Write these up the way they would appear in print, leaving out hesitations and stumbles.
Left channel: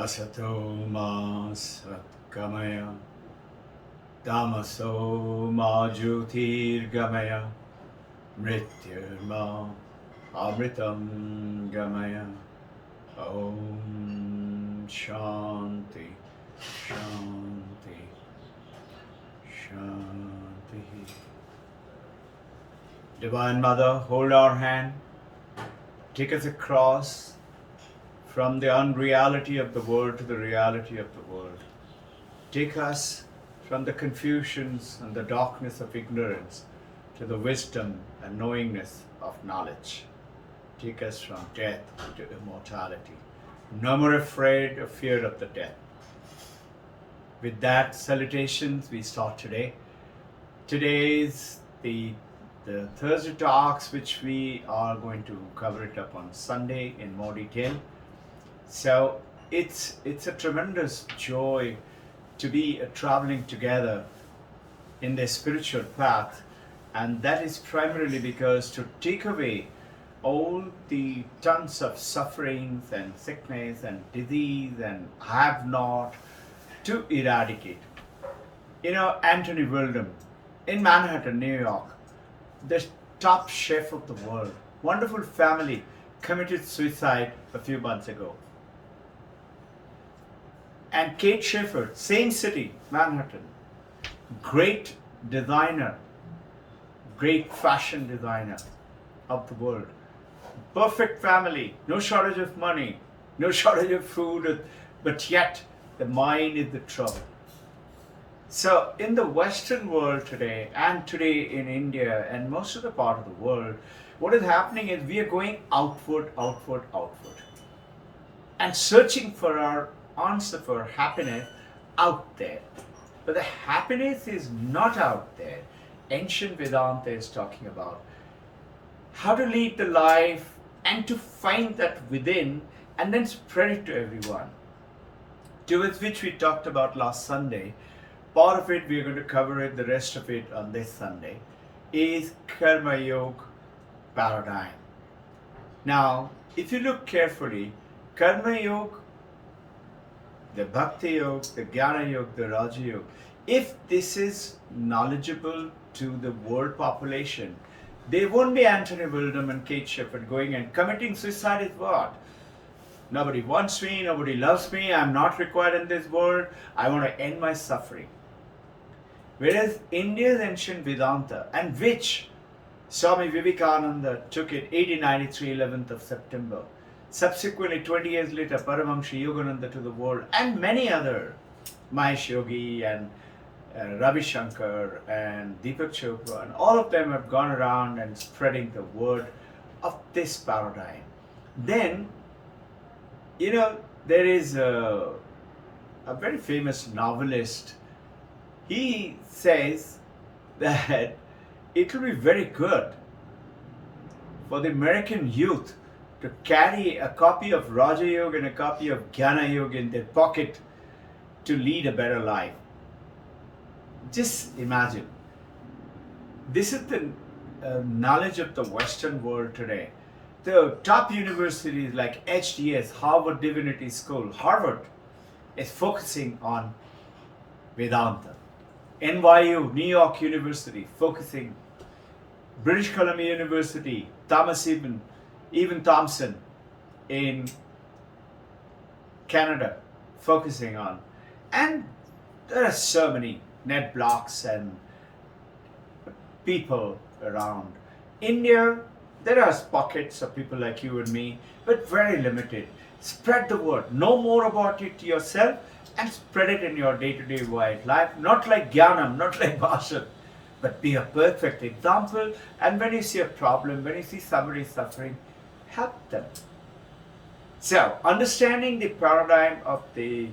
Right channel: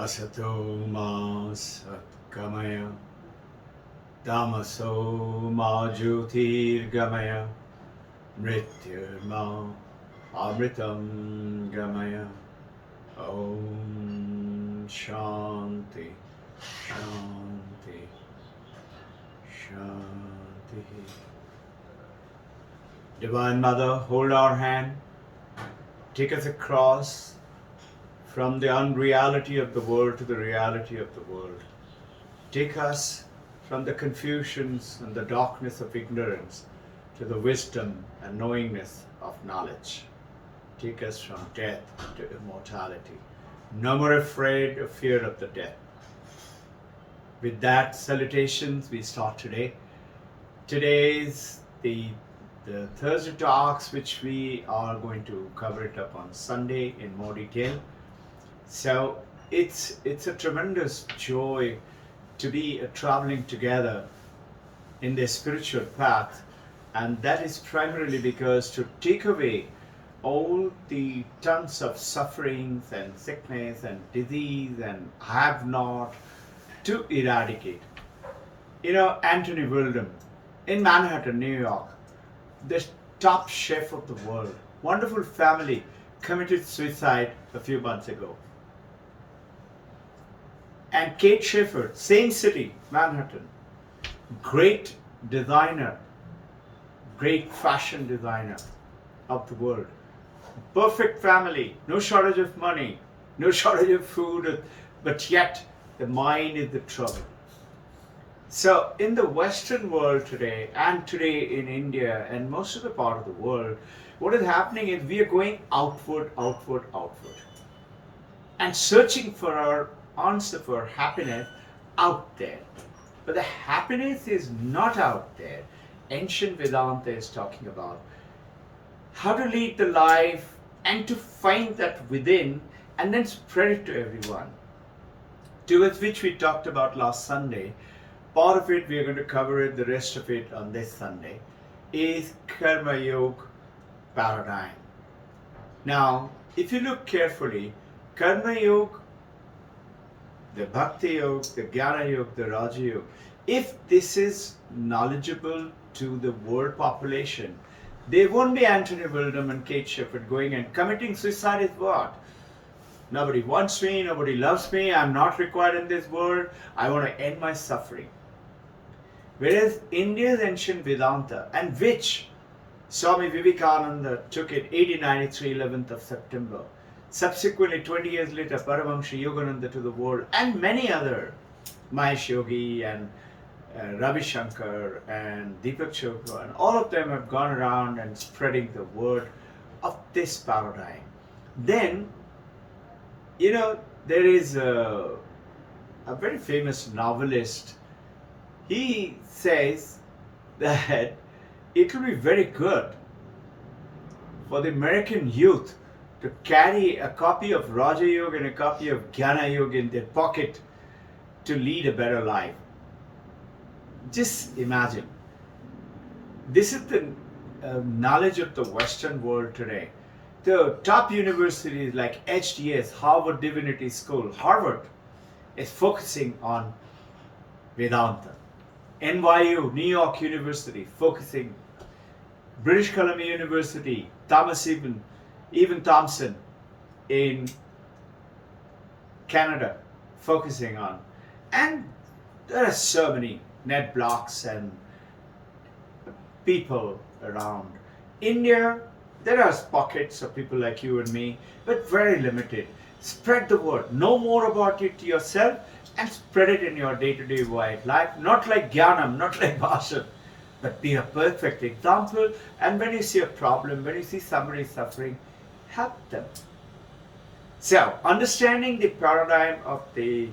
Asato ma satgamaya, tamaso ma jyotirgamaya, mrityurma amritam gamaya. Om Shanti, Shanti, Shanti. Divine Mother, hold our hand, take us across from the unreality of the world to the reality of the world. Take us from the confusions and the darkness of ignorance to the wisdom and knowingness of knowledge. Take us from death to immortality. No more afraid or fear of the death. With that salutations, we start today. Today is the Thursday talks, which we are going to cover it up on Sunday in more detail. So it's a tremendous joy to be traveling together in the spiritual path, and that is primarily because to take away all the tons of sufferings and sickness and disease and have not, to eradicate. You know, Anthony Wilden in Manhattan, New York, the top chef of the world, wonderful family, committed suicide a few months ago. And Kate Shepard, same city, Manhattan, great designer, great fashion designer of the world. Perfect family, no shortage of money, no shortage of food, but yet the mind is the trouble. So in the Western world today, and today in India and most of the part of the world, what is happening is we are going outward, outward, outward, and searching for our answer for happiness out there. But the happiness is not out there. Ancient Vedanta is talking about how to lead the life and to find that within and then spread it to everyone. Towards which we talked about last Sunday. Part of it we are going to cover it, the rest of it on this Sunday, is Karma Yoga paradigm. Now, if you look carefully, Karma Yoga, the Bhakti Yoga, the Jnana Yoga, the Raja Yoga, if this is knowledgeable to the world population, there won't be Anthony Wilden and Kate Shepard going and committing suicide is what? Nobody wants me, nobody loves me, I'm not required in this world, I want to end my suffering. Whereas India's ancient Vedanta, and which Swami Vivekananda took it 1893, 11th of September, subsequently 20 years later Paramahamsa Yogananda to the world, and many other, Mahesh Yogi and Ravi Shankar and Deepak Chopra, and all of them have gone around and spreading the word of this paradigm. Then, you know, there is a very famous novelist. He says that it will be very good for the American youth to carry a copy of Raja Yoga and a copy of Jnana Yoga in their pocket to lead a better life. Just imagine. This is the knowledge of the Western world today. The top universities like HDS, Harvard Divinity School, Harvard, is focusing on Vedanta. NYU, New York University, focusing. British Columbia University, Thomas Even Thompson in Canada, focusing on. And there are so many net blocks and people around. India, there are pockets of people like you and me, but very limited. Spread the word. Know more about it yourself and spread it in your day-to-day life. Not like Jnanam, not like Bhashan, but be a perfect example. And when you see a problem, when you see somebody suffering, help them. So, understanding the paradigm of the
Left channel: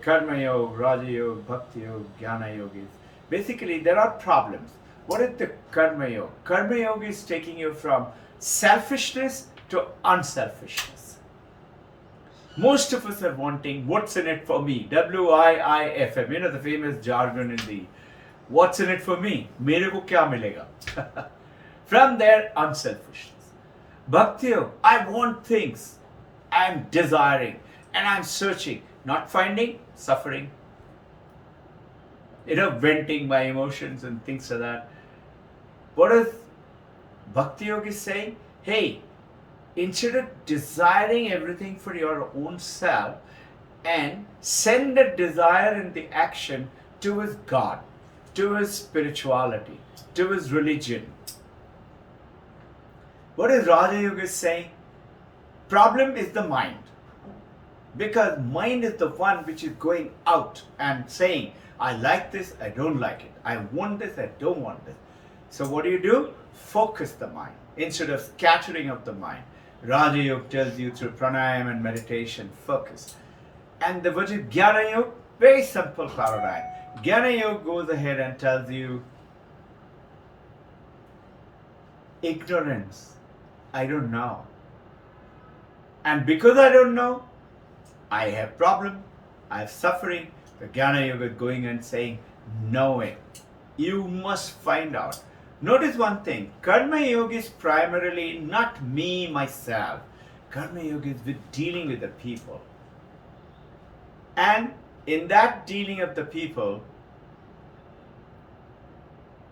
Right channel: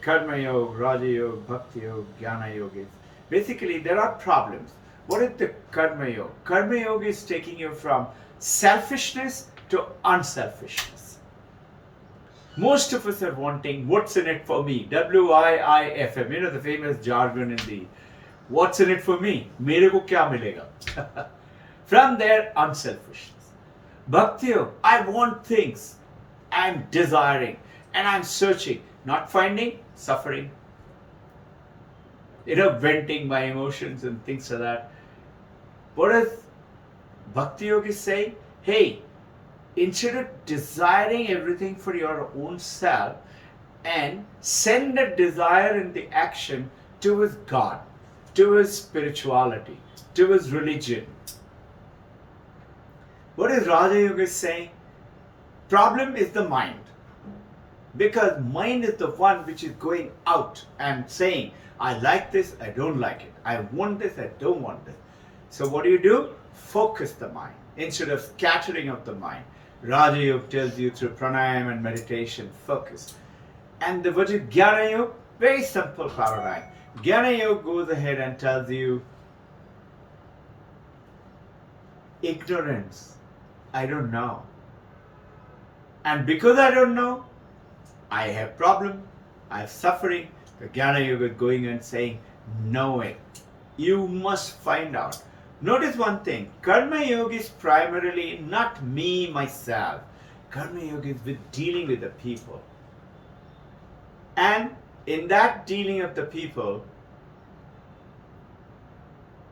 Karma Yoga, Raja Yoga, Bhakti Yoga, Jnana Yoga is basically there are problems. What is the Karma Yoga? Karma Yoga is taking you from selfishness to unselfishness. Most of us are wanting what's in it for me, WIIFM, you know the famous jargon in the what's in it for me, mere ko kya milega. From there, unselfishness. Bhakti Yoga, I want things, I'm desiring and I'm searching. Not finding, suffering. Venting my emotions and things like that. What does Bhakti Yogi say? Hey, instead of desiring everything for your own self, and send the desire and the action towards God, towards spirituality, towards religion. What is Raja Yoga saying? Problem is the mind. Because mind is the one which is going out and saying, I like this, I don't like it. I want this, I don't want this. So what do? Focus the mind instead of scattering of the mind. Raja Yoga tells you through pranayam and meditation, focus. And what is Jnana Yoga? Very simple paradigm. Jnana Yoga goes ahead and tells you, ignorance, I don't know. And because I don't know, I have problem, I have suffering. The Jnana Yoga is going and saying, knowing. You must find out. Notice one thing, Karma Yoga is primarily not me, myself. Karma Yoga is dealing with the people. And in that dealing of the people,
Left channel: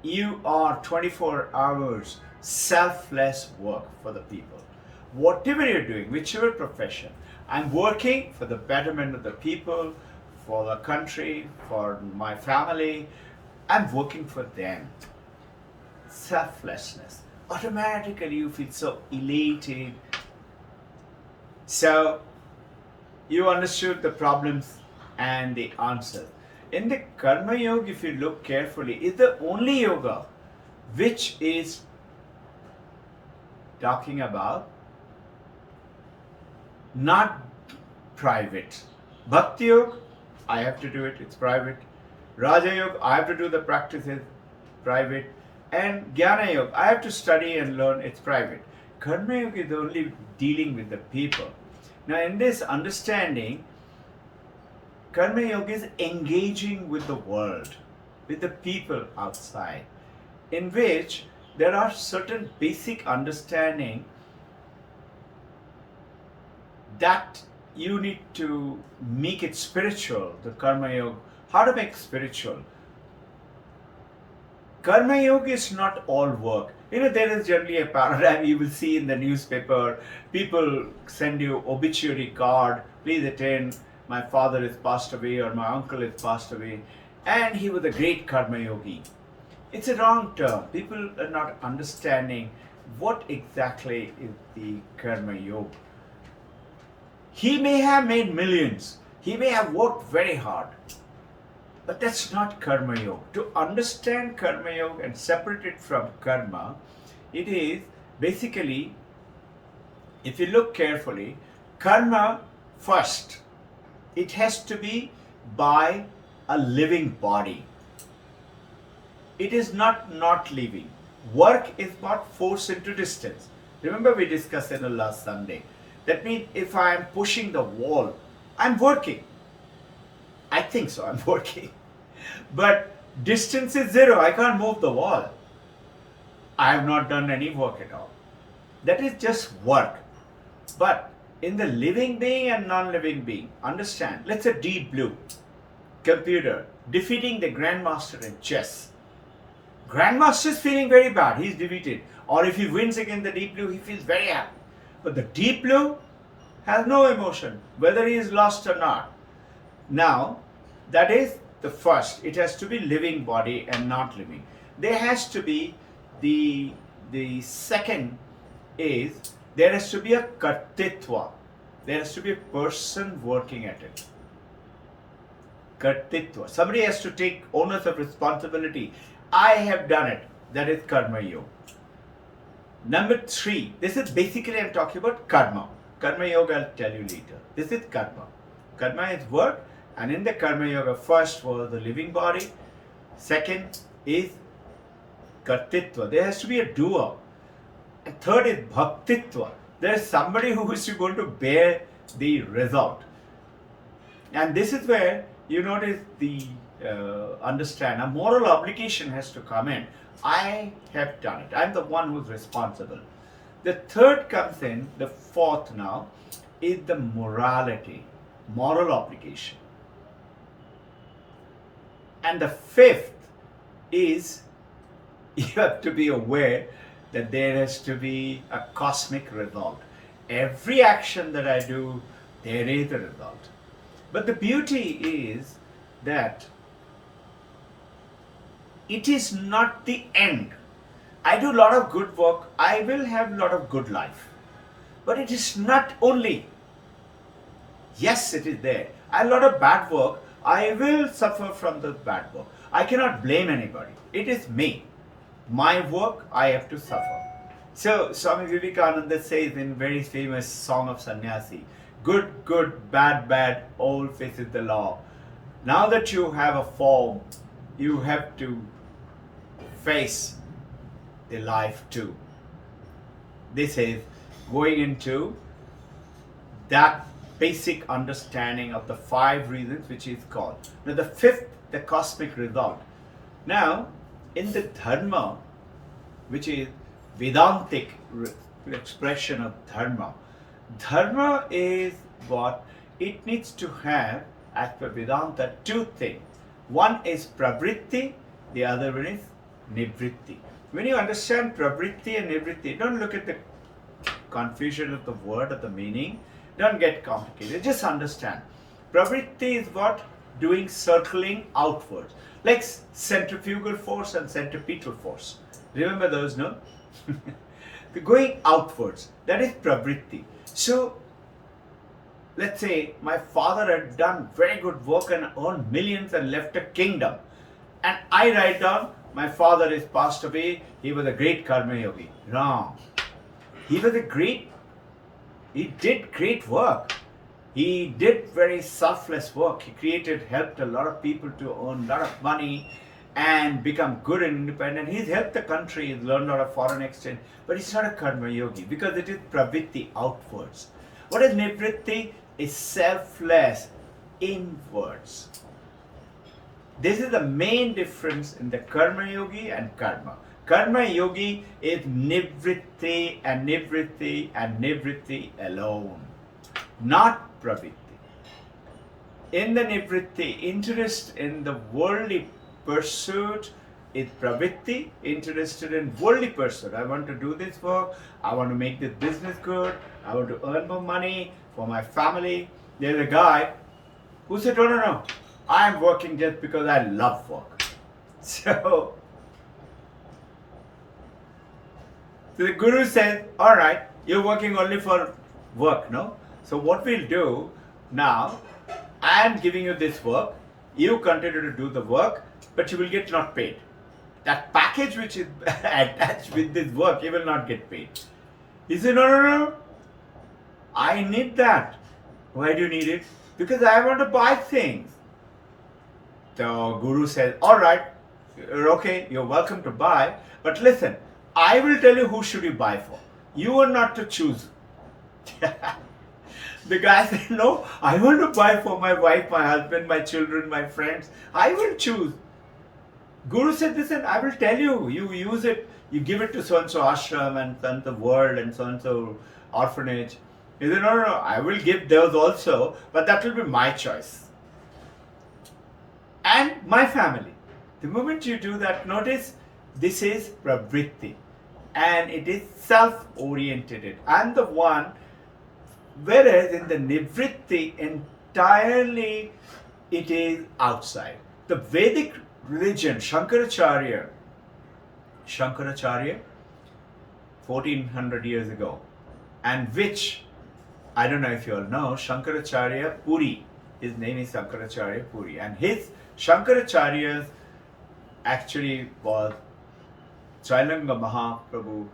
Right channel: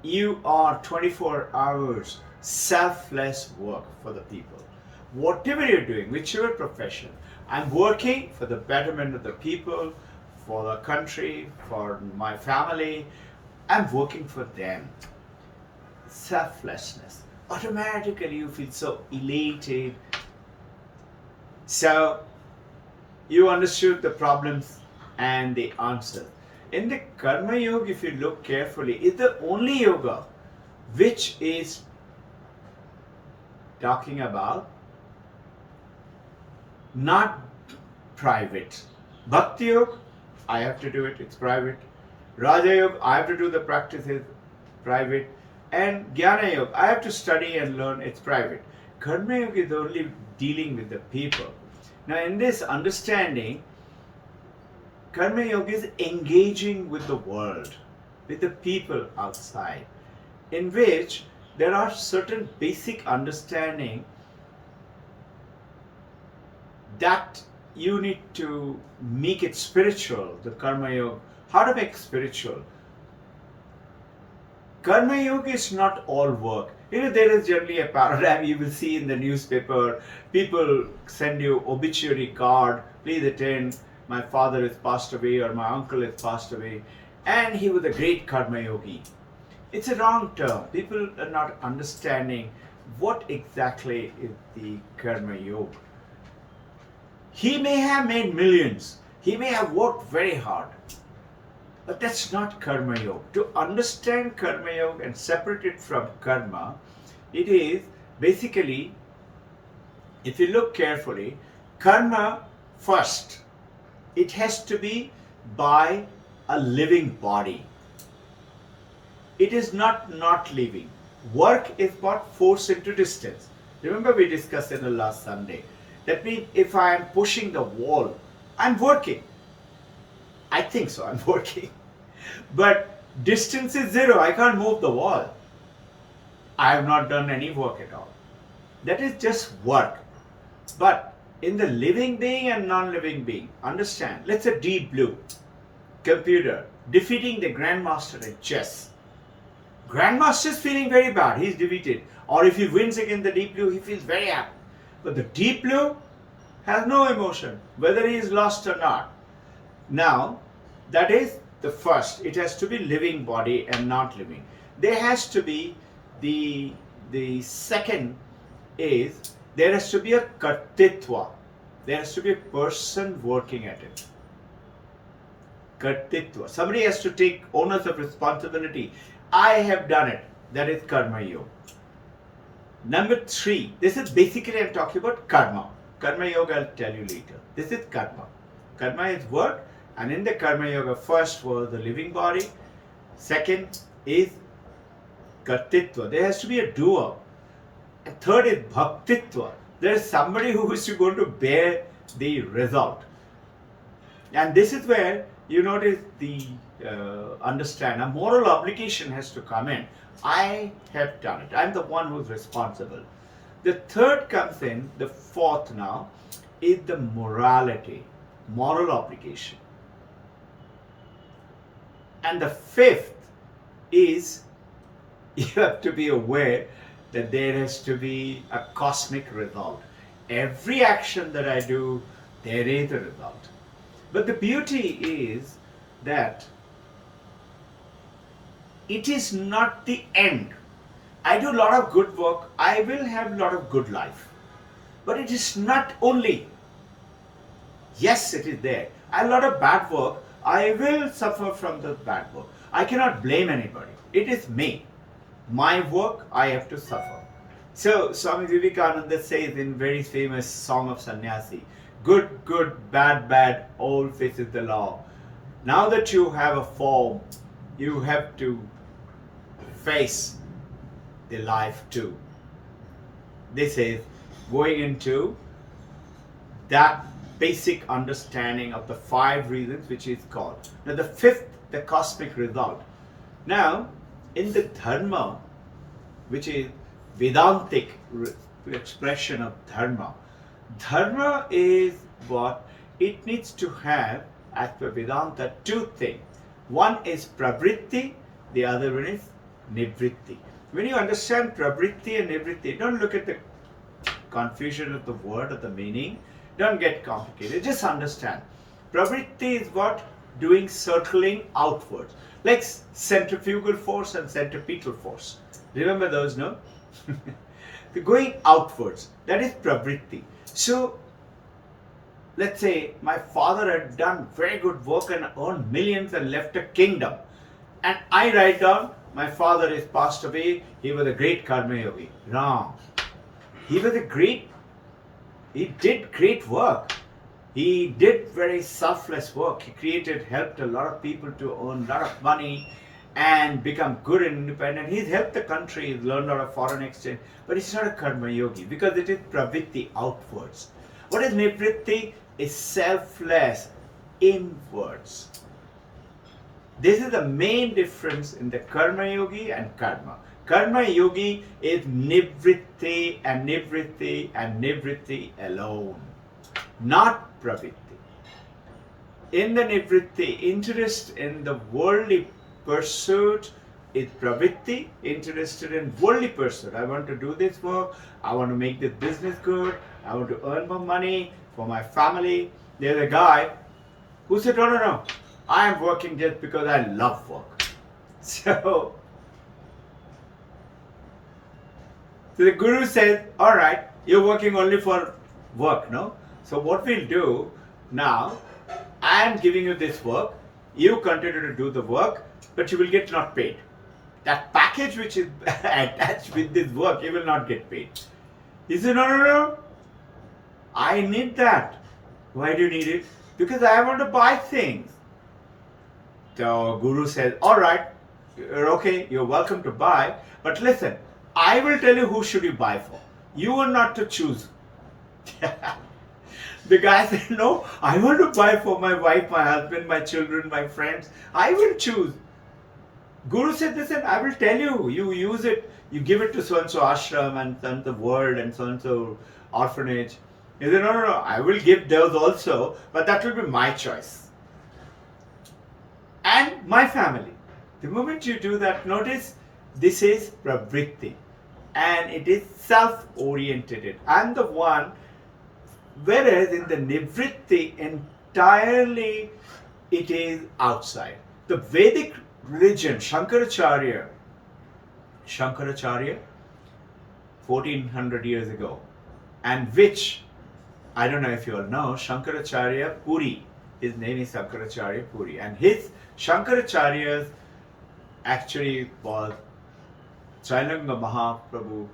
you are 24 hours selfless work for the people. Whatever you're doing, whichever profession, I'm working for the betterment of the people, for the country, for my family. I'm working for them. Selflessness. Automatically you feel so elated. So you understood the problems and the answers. In the Karma Yoga, if you look carefully, is the only yoga which is talking about not private. Bhakti Yoga, I have to do it, it's private. Raja Yoga, I have to do the practices, private. And Jnana Yoga, I have to study and learn, it's private. Karma Yoga is only dealing with the people. Now in this understanding, Karma Yoga is engaging with the world, with the people outside, in which there are certain basic understanding that you need to make it spiritual, the Karma Yoga. How to make spiritual? Karma Yoga is not all work. There is generally a paradigm you will see in the newspaper. People send you obituary card, please attend, my father is passed away or my uncle is passed away, and he was a great Karma Yogi. It's a wrong term. People are not understanding what exactly is the Karma Yoga. He may have made millions. He may have worked very hard. But that's not Karma Yoga. To understand Karma Yoga and separate it from karma, it is basically, if you look carefully, karma first, it has to be by a living body. It is not living. Work is but force into distance. Remember we discussed in the last Sunday. That means if I am pushing the wall, I'm working. I think so, I'm working. But distance is zero, I can't move the wall. I have not done any work at all. That is just work. But in the living being and non-living being, understand, let's say Deep Blue, computer, defeating the Grandmaster in chess. Grandmaster is feeling very bad, he's defeated. Or if he wins against the Deep Blue, he feels very happy. But the Deep Blue has no emotion, whether he is lost or not. Now, that is the first. It has to be living body and not living. There has to be the second is there has to be a kartitva. There has to be a person working at it. Kartitva. Somebody has to take onus of responsibility. I have done it. That is Karma Yoga. Number 3. This is basically I'm talking about karma. Karma Yoga I'll tell you later. This is karma. Karma is work, and in the Karma Yoga first was the living body. Second is kartitva. There has to be a doer. And third is bhaktitva. There is somebody who is going to bear the result. And this is where you notice the understand a moral obligation has to come in. I have done it. I'm the one who's responsible. The third comes in, the fourth now, is the morality. moral obligation. And the fifth is you have to be aware that there has to be a cosmic result. Every action that I do, there is a result. But the beauty is that it is not the end. I do a lot of good work, I will have a lot of good life. But it is not only. Yes, it is there. I have a lot of bad work, I will suffer from the bad work. I cannot blame anybody. It is me. My work, I have to suffer. So Swami Vivekananda says in very famous Song of Sannyasi, good, good, bad, bad, all faces the law. Now that you have a form, you have to face the life too. This is going into that basic understanding of the 5 reasons, which is called. Now the fifth, the cosmic result. Now in the dharma, which is Vedantic expression of dharma, dharma is what it needs to have, as per Vedanta, 2 things. One is pravritti, the other one is nivritti. When you understand pravritti and nivritti, don't look at the confusion of the word or the meaning. Don't get complicated. Just understand. Pravritti is what? Doing circling outwards. Like centrifugal force and centripetal force. Remember those, no? Going outwards. That is pravritti. So, let's say my father had done very good work and earned millions and left a kingdom. And I write down, my father is passed away, he was a great karma yogi. Wrong. He did great work. He did very selfless work. He helped a lot of people to earn a lot of money and become good and independent. He's helped the country, he's learned a lot of foreign exchange, but he's not a karma yogi because it is pravritti, outwards. What is nivritti? Is selfless, inwards. This is the main difference in the karma yogi and karma. Karma yogi is nivritti and nivritti and nivritti alone, not pravritti. In the nivritti, interest in the worldly pursuit is pravritti, interested in worldly pursuit. I want to do this work, I want to make this business good, I want to earn more money for my family. There's a guy who said, no, I am working just because I love work. So the guru says, all right, you're working only for work, no? So what we'll do now, I am giving you this work, you continue to do the work, but you will get not paid. That package which is attached with this work, you will not get paid. He said, no, I need that. Why do you need it? Because I want to buy things. The guru says, all right, okay, you're welcome to buy, but listen, I will tell you who should you buy for. You are not to choose. The guy said, no, I want to buy for my wife, my husband, my children, my friends. I will choose. Guru said, listen, I will tell you, you use it, you give it to so-and-so ashram and so-and-so world and so-and-so orphanage. He said, no, I will give those also, but that will be my choice. And my family. The moment you do that, notice this is pravritti and it is self-oriented. I'm the one, whereas in the nivritti, entirely it is outside. The Vedic religion, Shankaracharya, 1400 years ago, and which, I don't know if you all know, Shankaracharya Puri, his name is Shankaracharya Puri, and his Shankaracharya's actually was Chailanga Mahaprabhu,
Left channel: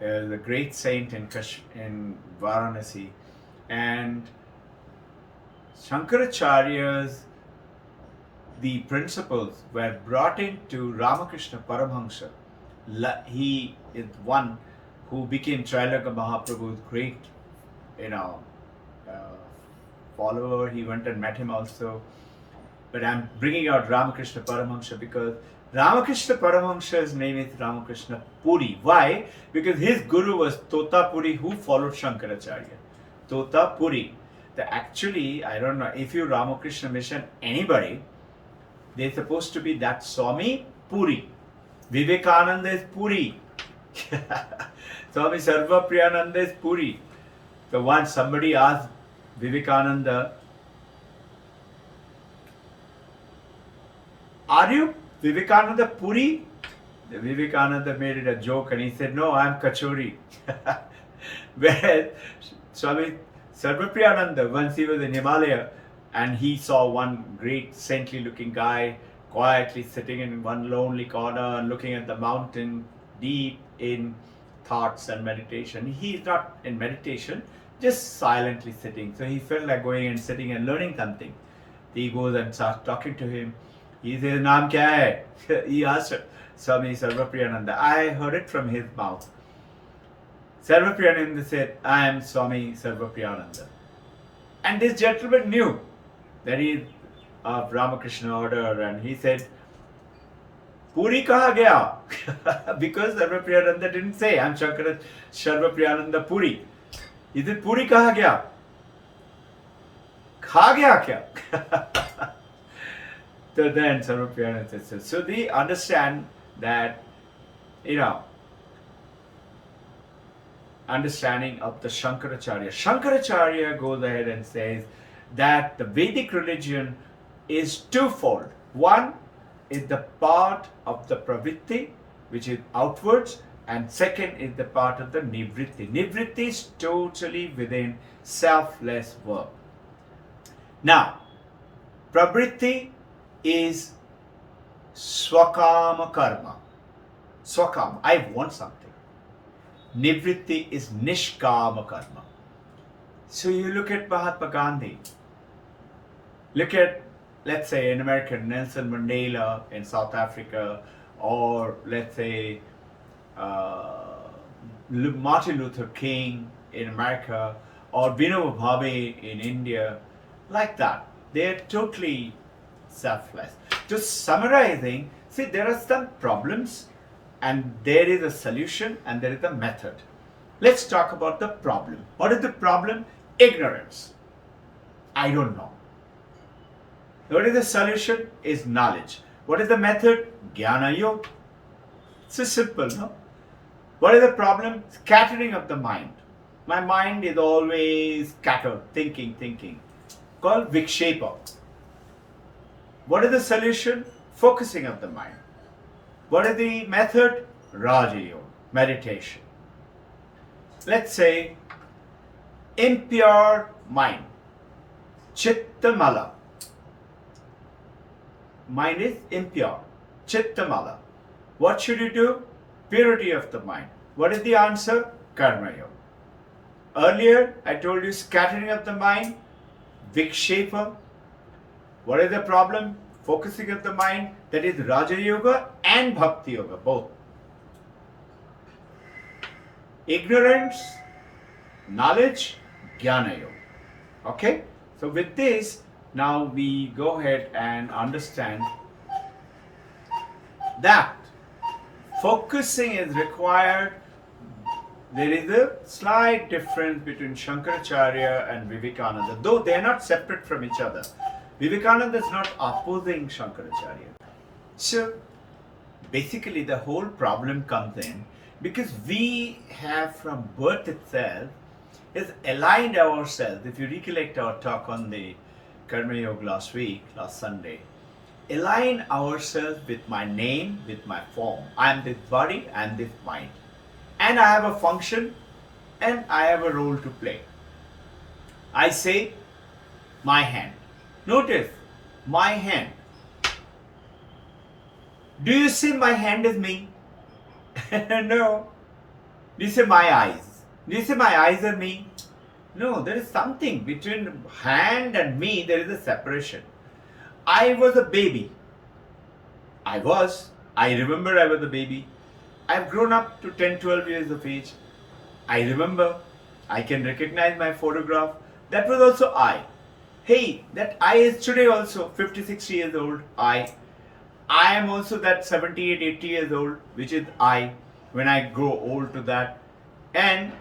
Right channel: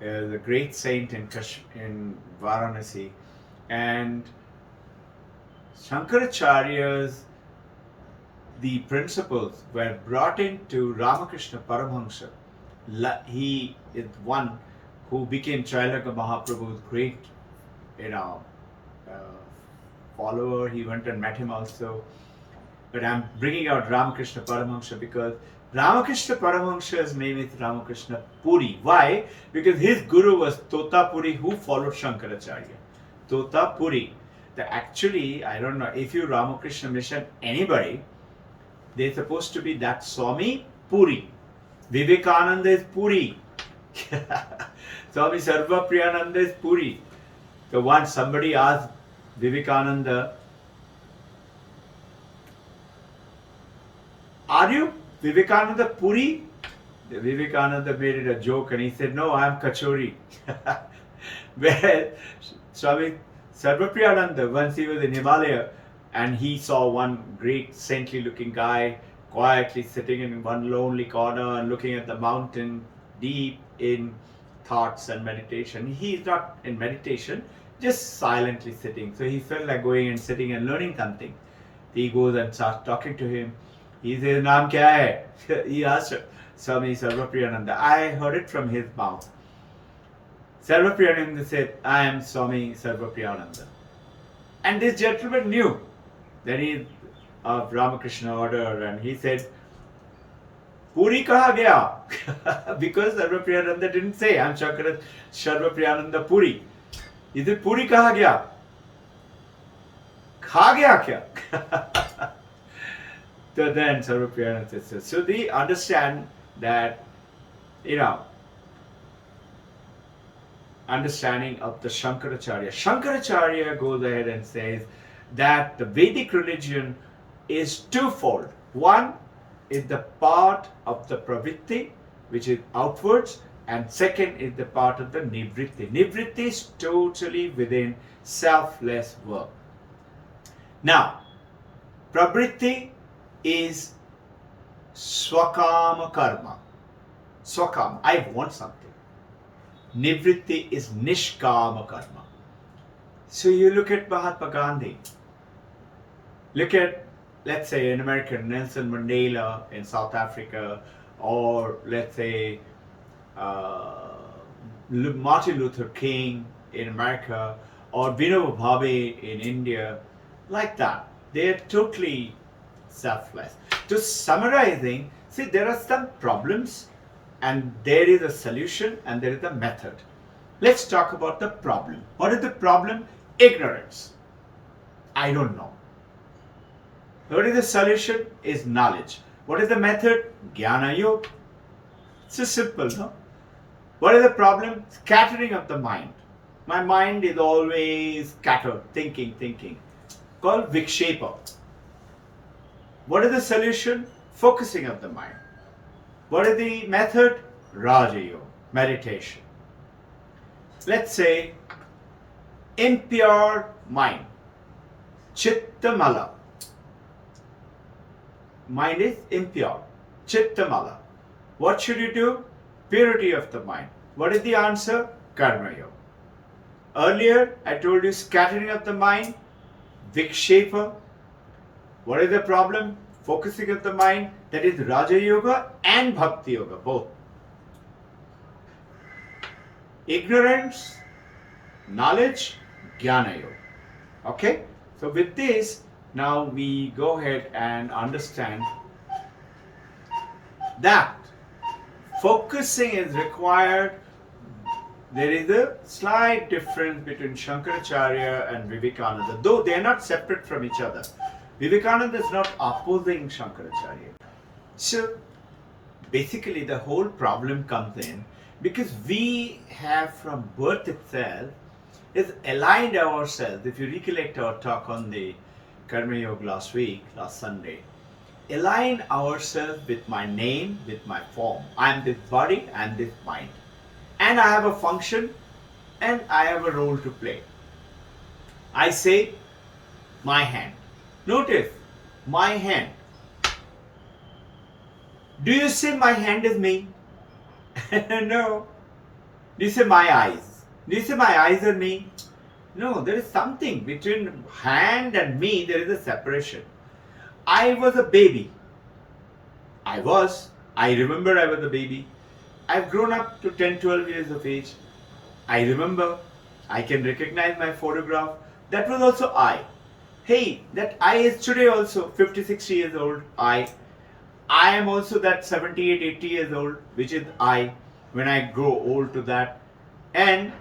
the great saint in Varanasi, and Shankaracharya's the principles were brought into Ramakrishna Paramahamsa. He is one who became Chailanga Mahaprabhu's great, follower. He went and met him also. But I'm bringing out Ramakrishna Paramahamsa because Ramakrishna Paramahamsa's name is Ramakrishna Puri. Why? Because his guru was Tota Puri, who followed Shankaracharya. Tota Puri. Actually, I don't know, if you Ramakrishna mission anybody, they're supposed to be that Swami Puri. Vivekananda is Puri. Swami Sarva Priyananda is Puri. So once somebody asked Vivekananda, are you Vivekananda Puri? The Vivekananda made it a joke and he said, no, I'm Kachori. Whereas Swami Sarvapriyananda, once he was in Himalaya and he saw one great saintly looking guy quietly sitting in one lonely corner and looking at the mountain, deep in thoughts and meditation. He's not in meditation, just silently sitting. So he felt like going and sitting and learning something. He goes and starts talking to him. He says, Naam kya hai? He asked Swami Sarvapriyananda. I heard it from his mouth. Sarvapriyananda said, I am Swami Sarvapriyananda. And this gentleman knew that he is of Ramakrishna order, and he said, Puri kaha gaya? Because Sarvapriyananda didn't say, I am Sarvapriyananda Puri. He said, Puri kaha gaya? Kha gaya kya? So then Sarvapriyananda says, so they understand that, understanding of the Shankaracharya. Shankaracharya goes ahead and says that the Vedic religion is twofold. One is the part of the pravitti, which is outwards, and second is the part of the nivritti. Nivritti is totally within selfless work. Now, pravritti is swakama karma. Swakama, I want something. Nivritti is nishkama karma. So you look at Mahatma Gandhi. Look at, let's say, in America, Nelson Mandela in South Africa, or let's say Martin Luther King in America, or Vinoba Bhave in India, like that. They're totally selfless. To summarizing, see, there are some problems and there is a solution and there is a method. Let's talk about the problem. What is the problem? Ignorance. I don't know. What is the solution? Is knowledge. What is the method? Jnana Yoga. It's so simple, no? What is the problem? Scattering of the mind. My mind is always scattered, thinking. Called Vikshepa. What is the solution? Focusing of the mind. What is the method? Raja Yoga, meditation. Let's say impure mind. Chittamala. Mind is impure. Chittamala. What should you do? Purity of the mind. What is the answer? Karma Yoga. Earlier, I told you scattering of the mind, Vikshepa. What is the problem? Focusing of the mind. That is Raja Yoga and Bhakti Yoga, both. Ignorance, knowledge, Jnana Yoga. Okay? So with this, now we go ahead and understand that focusing is required. There is a slight difference between Shankaracharya and Vivekananda, though they are not separate from each other. Vivekananda is not opposing Shankaracharya. So basically the whole problem comes in because we have from birth itself is aligned ourselves. If you recollect our talk on the Karma Yoga last Sunday, align ourselves with my name, with my form. I am this body, I am this mind. And I have a function and I have a role to play. I say my hand. Notice, my hand. Do you say my hand is me? No. Do you say my eyes? Do you say my eyes are me? No, there is something between hand and me, there is a separation. I was a baby. I remember I was a baby. I've grown up to 10, 12 years of age. I remember, I can recognize my photograph. That was also I. Hey, that I is today also 56 years old, I am also that 78, 80 years old, which is I, when I grow old to that. And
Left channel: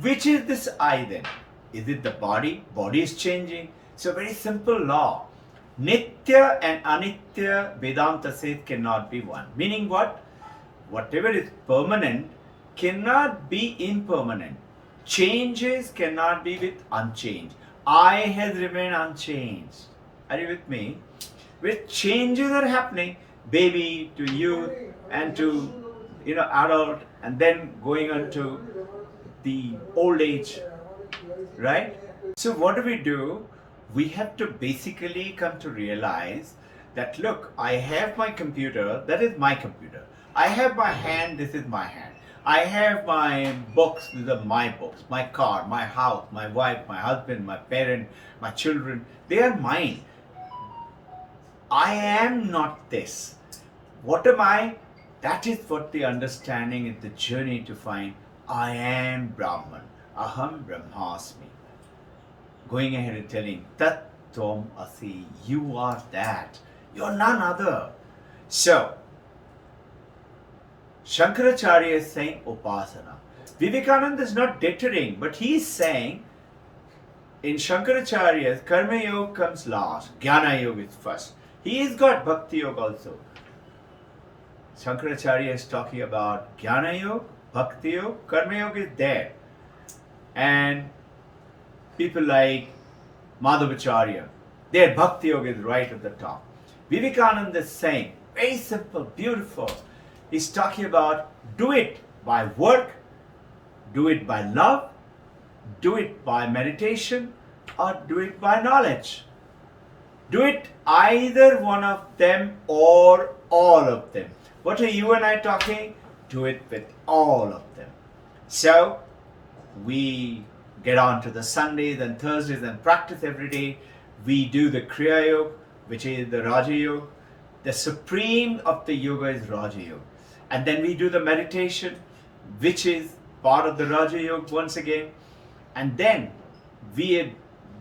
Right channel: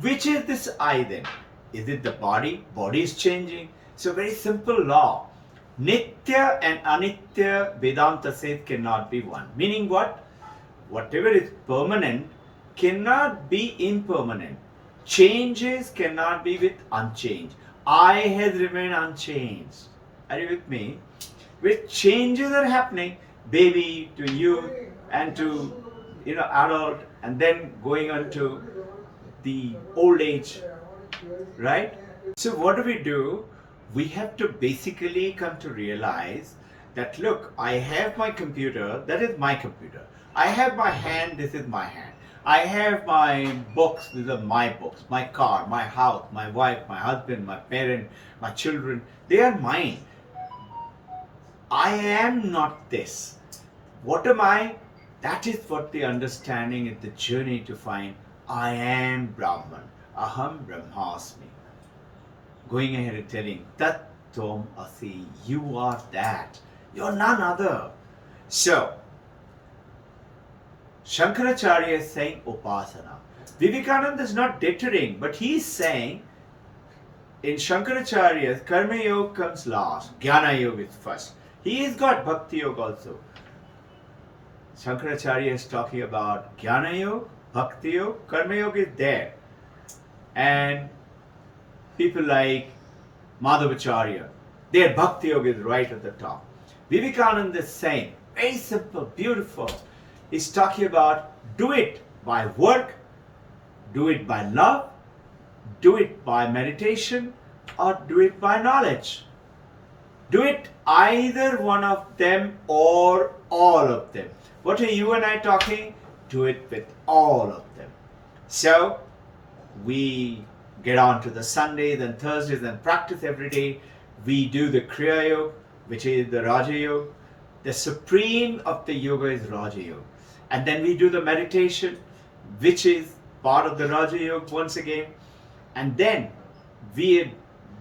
which is this I then? Is it the body? Body is changing. So very simple law. Nitya and Anitya, Vedanta says, cannot be one. Meaning what? Whatever is permanent cannot be impermanent. Changes cannot be with unchanged. I has remained unchanged. Are you with me? With changes are happening, baby to youth and to adult, and then going on to the old age, right? So what do? We have to basically come to realize that, look, I have my computer, that is my computer. I have my hand, this is my hand. I have my books, these are my books. My car, my house, my wife, my husband, my parent, my children, they are mine. I am not this. What am I? That is what the understanding is, the journey to find I am Brahman. Aham Brahmasmi. Going ahead and telling Tat Tom Asi, you are that. You are none other. So, Shankaracharya is saying Upasana. Vivekananda is not deterring, but he is saying in Shankaracharya's Karma Yoga comes last, Jnana Yoga is first. He has got Bhakti Yoga also. Shankaracharya is talking about Jnana Yoga, Bhakti Yoga, Karma Yoga is there. And people like Madhavacharya, their Bhakti Yoga is right at the top. Vivekananda is saying, very simple, beautiful. He's talking about do it by work, do it by love, do it by meditation, or do it by knowledge. Do it either one of them or all of them. What are you and I talking? Do it with all of them. So, we get on to the Sundays and Thursdays and practice every day. We do the Kriya Yoga, which is the Raja Yoga. The supreme of the yoga is Raja Yoga. And then we do the meditation, which is part of the Raja Yoga once again. And then we are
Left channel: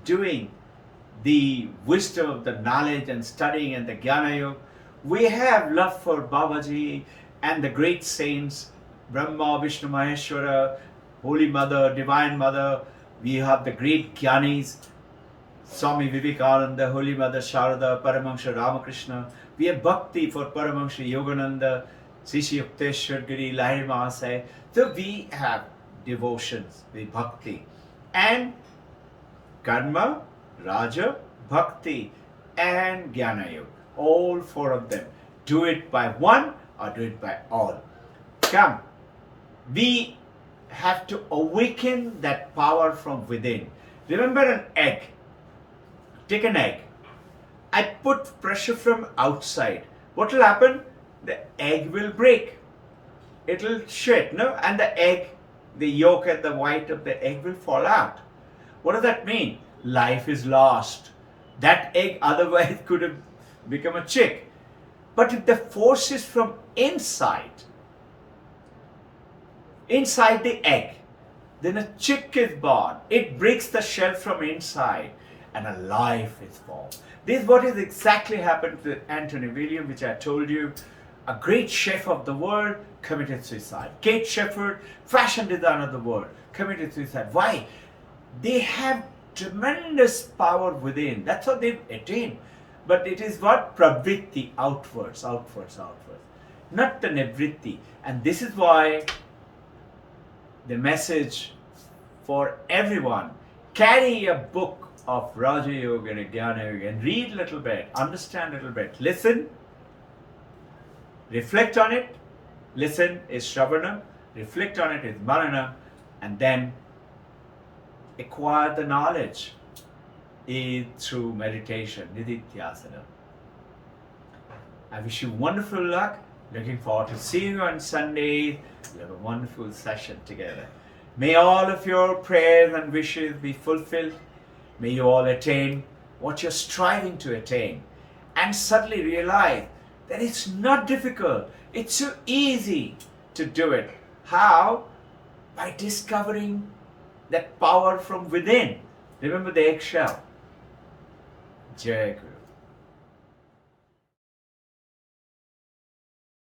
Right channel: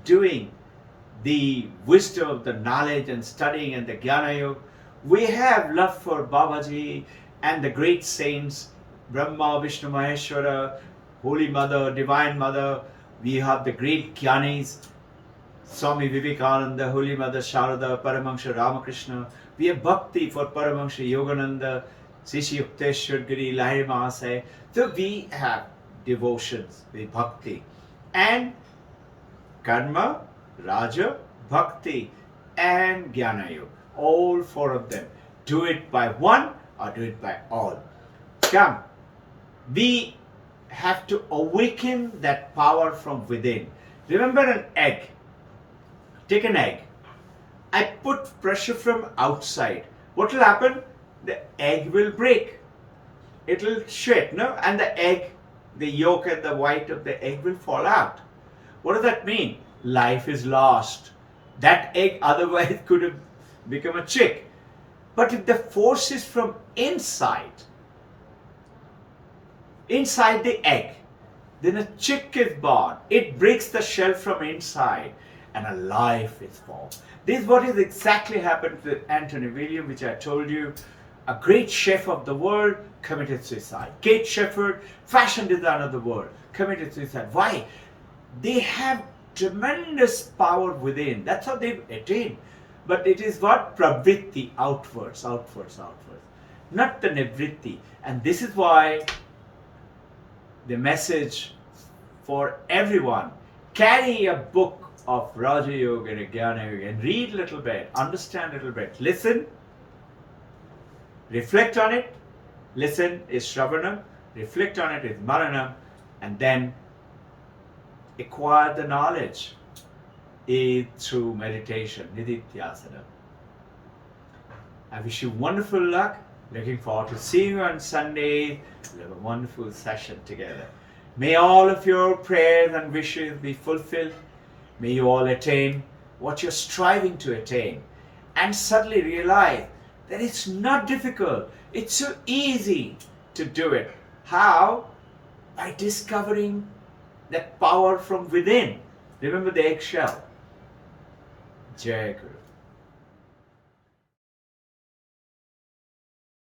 doing the wisdom of the knowledge and studying and the Jnana Yoga. We have love for Babaji and the great saints, Brahma, Vishnu, Maheshwara, Holy Mother, Divine Mother. We have the great Jnanis, Swami Vivekananda, Holy Mother Sharada, Paramahansa Ramakrishna. We have Bhakti for Paramahansa Yogananda, Srishi Yukteswar Giri, Lahiri Mahasaya. So we have devotions with Bhakti. And Karma, Raja, Bhakti, and Jnana Yoga. All four of them. Do it by one or do it by all. Come. We have to awaken that power from within. Remember an egg. Take an egg. I put pressure from outside. What will happen? The egg will break. It will shake, no? And the egg, the yolk and the white of the egg will fall out. What does that mean? Life is lost. That egg otherwise could have become a chick. But if the force is from inside the egg, then a chick is born. It breaks the shell from inside and a life is formed. This is what is exactly happened to Anthony William, which I told you. A great chef of the world committed suicide. Kate Shepherd, fashion designer of the world, committed suicide. Why? They have tremendous power within. That's how they've attained. But it is what? Pravritti, outwards. Not the nivritti. And this is why the message for everyone, carry a book of Raja Yoga and Jnana Yoga and read a little bit, understand a little bit, listen, reflect on it. Listen is Shravanam, reflect on it is Maranam, and then acquire the knowledge is through meditation, Nidithyasana. I wish you wonderful luck. Looking forward to seeing you on Sunday. We'll have a wonderful session together. May all of your prayers and wishes be fulfilled. May you all attain what you're striving to attain. And suddenly realize that it's not difficult. It's so easy to do it. How? By discovering that power from within. Remember the eggshell. Jai Guru.